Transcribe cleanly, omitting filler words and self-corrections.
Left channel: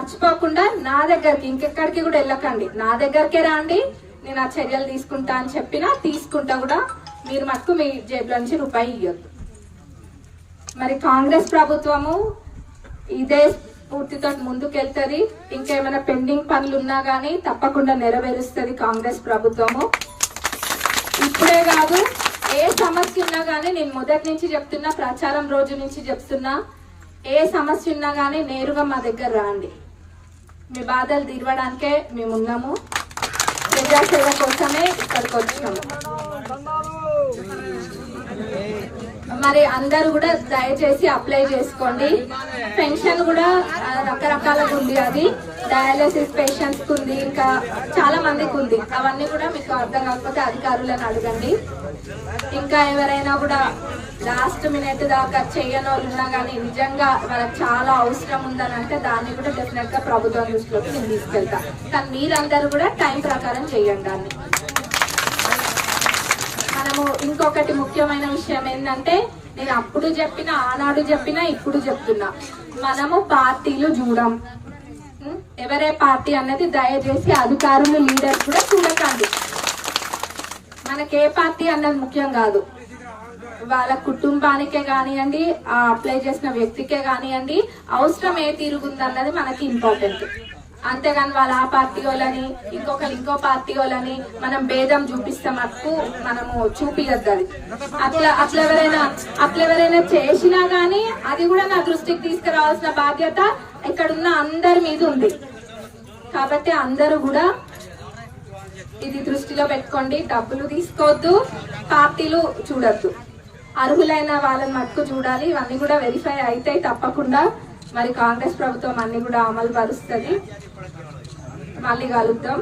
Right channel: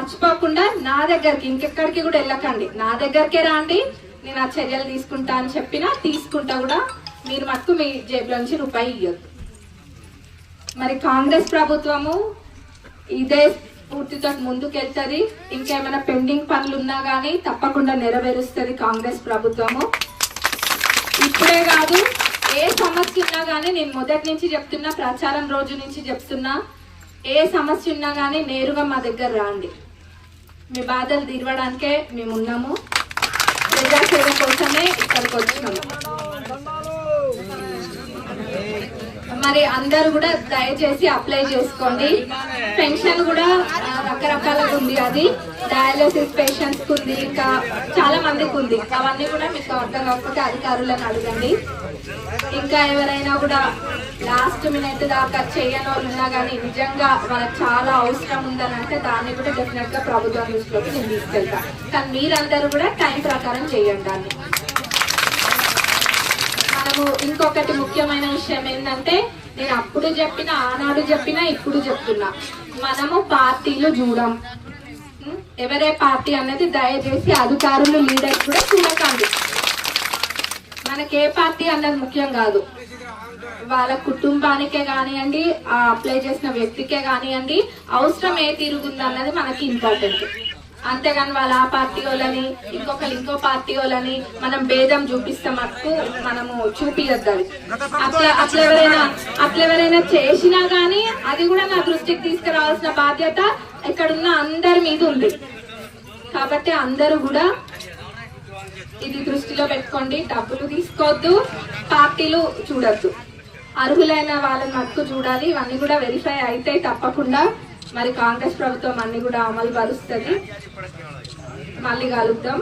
మర్చిపోకుండా నా దగ్గరికి ఇంకెక్కడికి కూడా వెళ్ళకండి, నా దగ్గరకే రాండి, నేను ఆ చర్యలు తీసుకుంటా అని చెప్పినా తీసుకుంటా కూడా. మీరు మటుకు మీ జేబులో నుంచి రూపాయి ఇవ్వద్దు. మరి కాంగ్రెస్ ప్రభుత్వము ఇదే స్ఫూర్తితో ముందుకెళ్తుంది. ఇంకేమైనా పెండింగ్ పనులు ఉన్నా కానీ తప్పకుండా నెరవేరుస్తుంది కాంగ్రెస్ ప్రభుత్వము. ఇప్పుడే కాదు, ఏ సమస్య ఉన్నా కానీ నేను మొదటి నుంచి చెప్తున్నా, ప్రచారం రోజు నుంచి చెప్తున్నా, ఏ సమస్య ఉన్నా కానీ నేరుగా మా దగ్గర రాండి. మీ బాధలు తీరవడానికే మేము ఉన్నాము, ప్రజాసేవ కోసమే ఇక్కడికి వచ్చినాము. మరి అందరూ కూడా దయచేసి అప్లై చేసుకోండి. పెన్షన్ కూడా రకరకాలుగా ఉంది, అది డయాలసిస్ పేషెంట్స్ కు ఉంది, ఇంకా చాలా మందికి ఉంది. అవన్నీ కూడా మీకు అర్థం కాకపోతే అధికారులను అడగండి. ఇంకా ఎవరైనా కూడా లాస్ట్ మినిట్ దాకా చేయని వాళ్ళు ఉన్నా కానీ నిజంగా వాళ్ళకి చాలా అవసరం ఉందని అంటే దాన్ని కూడా డెఫినెట్ గా ప్రభుత్వం దృష్టిలోకి నేను తీసుకెళ్తా. కానీ మీరందరూ కూడా టైం ప్రకారం చేయండి దాన్ని. మనము ఇంకొకటి ముఖ్యమైన విషయం ఏంటంటే, నేను అప్పుడు చెప్పినా, ఆనాడు చెప్పినా, ఇప్పుడు చెప్తున్నా, మనము పార్టీలు చూడం. ఎవరే పార్టీ అన్నది దయచేసి అధికారులు, లీడర్స్ కూడా చూడకండి. మనకి ఏ పార్టీ అన్నది ముఖ్యం కాదు, వాళ్ళ కుటుంబానికే కానివ్వండి, అప్లై చేసిన వ్యక్తికే కానివ్వండి, అవసరం ఏ తిరుగుంది అన్నది మనకి ఇంపార్టెంట్. అంతేగాని వాళ్ళ ఆ పార్టీ వాళ్ళని, ఇంకో పార్టీ వాళ్ళని మనం భేదం చూపిస్తే మటుకు మనము చూపియద్దు. అట్లా ఎవరైనా చేసినా గానీ అది కూడా నా దృష్టికి తీసుకురావాల్సిన బాధ్యత ఇక్కడున్న అందరి మీద ఉంది. కాబట్టి అందరూ కూడా ఇది దృష్టిలో పెట్టుకోండి. డబ్బులు తీసుకోవద్దు, పార్టీలు చూడొద్దు, అర్హులైన వాళ్ళని మటుకు చూడాలి. ఇవన్నీ కూడా వెరిఫై అయితే తప్పకుండా మరి కాంగ్రెస్ ప్రభుత్వం అన్ని కూడా అమలు పరుస్తుంది. మళ్ళీ కలుద్దాం.